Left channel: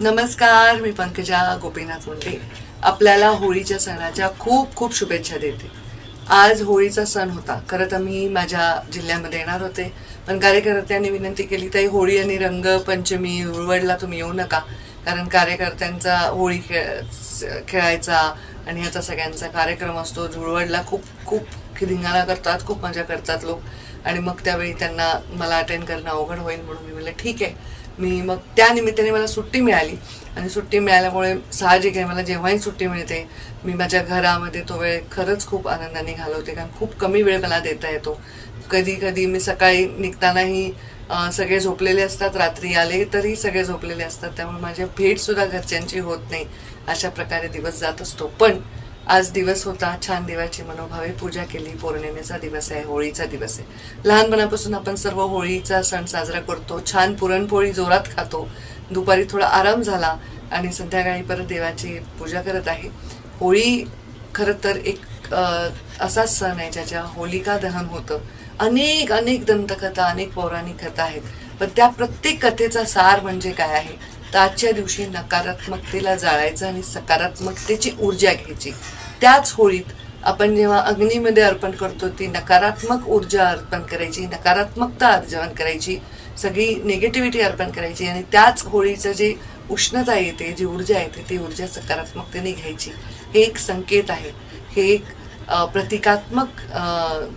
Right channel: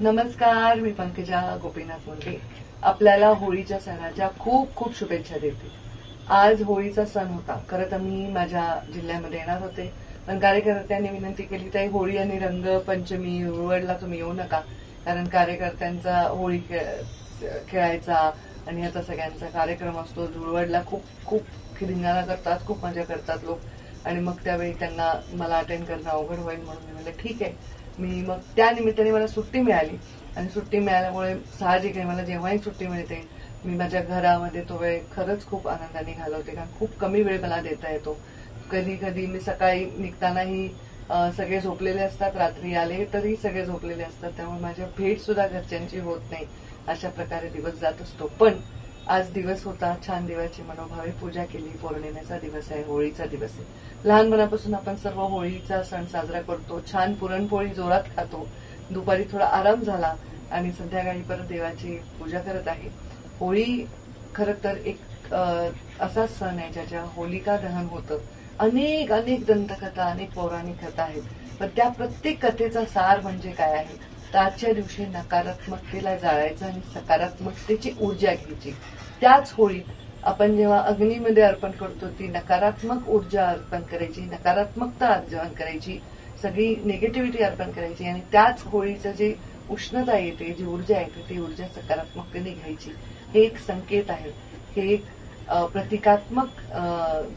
नमस्कार, मी पंकजा गोपीनाथ मुंडे आपल्याला होळीच्या सणाच्या खूप खूप शुभेच्छा देते। आज होळीचा सण होता। खरं तर मी माझ्या जिल्ह्यामध्ये येणार होते, पण कार्यकर्त्यांनी विनंती केली ताई होळी आणि रंगपंचमी धुळवडला तुम्ही येऊ नका, कारण कार्यकर्त्यांचा होळी खेळायचा आणि याचा सगळ्यांचा कार्यक्रम असतो। धुळवडला खूप खूप धिंगाणा करतात, खूप मजा करतात लोक, आणि मग त्यावेळी त्यांना मला अटेंड करणं अवघड होईल म्हणून मी म्हटलं ठीक आहे। मी मग त्या निमित्ताने मला सुट्टी मिळाली, आणि सुट्टी मिळाल्यामुळे साहजिक आहे मला जेव्हाही सुट्टी मिळते मी माझ्या घरामध्ये तो वेळ खरंच खूप आनंदाने घालवते, कारण खूप कमी वेळ मला देता येतो। कधी कधी मी सकाळी निघतानाही सगळे झोपलेले असतात, रात्री आले तरी सगळे झोपलेले असतात, त्यामुळे माझी भेट सुद्धा घरच्यांची होत नाही। अशा प्रकारे दिवस जात असतो। पण आज दिवस होता, छान देवाची मनोभावे पूजा केली। पौर्णिमेचा दिवस आहे, होळीचा दिवस आहे। लहानपणापासून आपण सर्व होळीचा सण साजरा करतो, छान पुरणपोळी जोरात खातो, दुपारी थोडा आराम झाला आणि संध्याकाळी परत देवाची पूजा करत आहे। होळी खरं तर एक असा सण आहे ज्याच्या होलिका दहन होतं। अनेक अनेक दंतकथा, अनेक पौराणिक कथा आहेत, पण त्या प्रत्येक कथेचा सार म्हणजे काय आहे तर आजच्या दिवशी नकारात्मकतेला जाळायचं आणि सकारात्मकतेची ऊर्जा घ्यायची। त्याच होळीत आपण जेव्हा अग्नीमध्ये अर्पण करतो ती नकारात्मक ऊर्जा अर्पण करायची, नकारात्मकता अर्पण करायची, सगळी निगेटिव्हिटी अर्पण करायची, आणि त्याच होळीचं जे उष्णता येते, जी ऊर्जा येते ती ऊर्जा सकारात्मकतेने घ्यायची। हे एक संकेत आहे, हे एक प्रतिकात्मक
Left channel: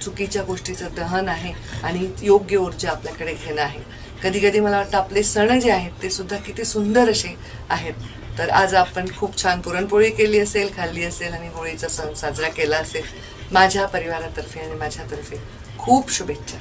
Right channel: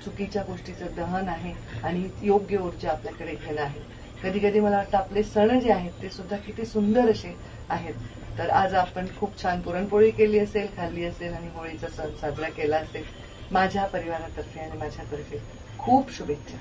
चुकीच्या गोष्टीचं दहन आहे आणि योग्य ऊर्जा आपल्याकडे घेणं आहे। कधी कधी मला वाटतं आपले सण जे आहेत ते सुद्धा किती सुंदर असे आहेत। तर आज आपण खूप छान पुरणपोळी केली असेल, खाल्ली असेल आणि होळीचा सण साजरा केला असेल। माझ्या परिवारातर्फे आणि माझ्यातर्फे खूप शुभेच्छा।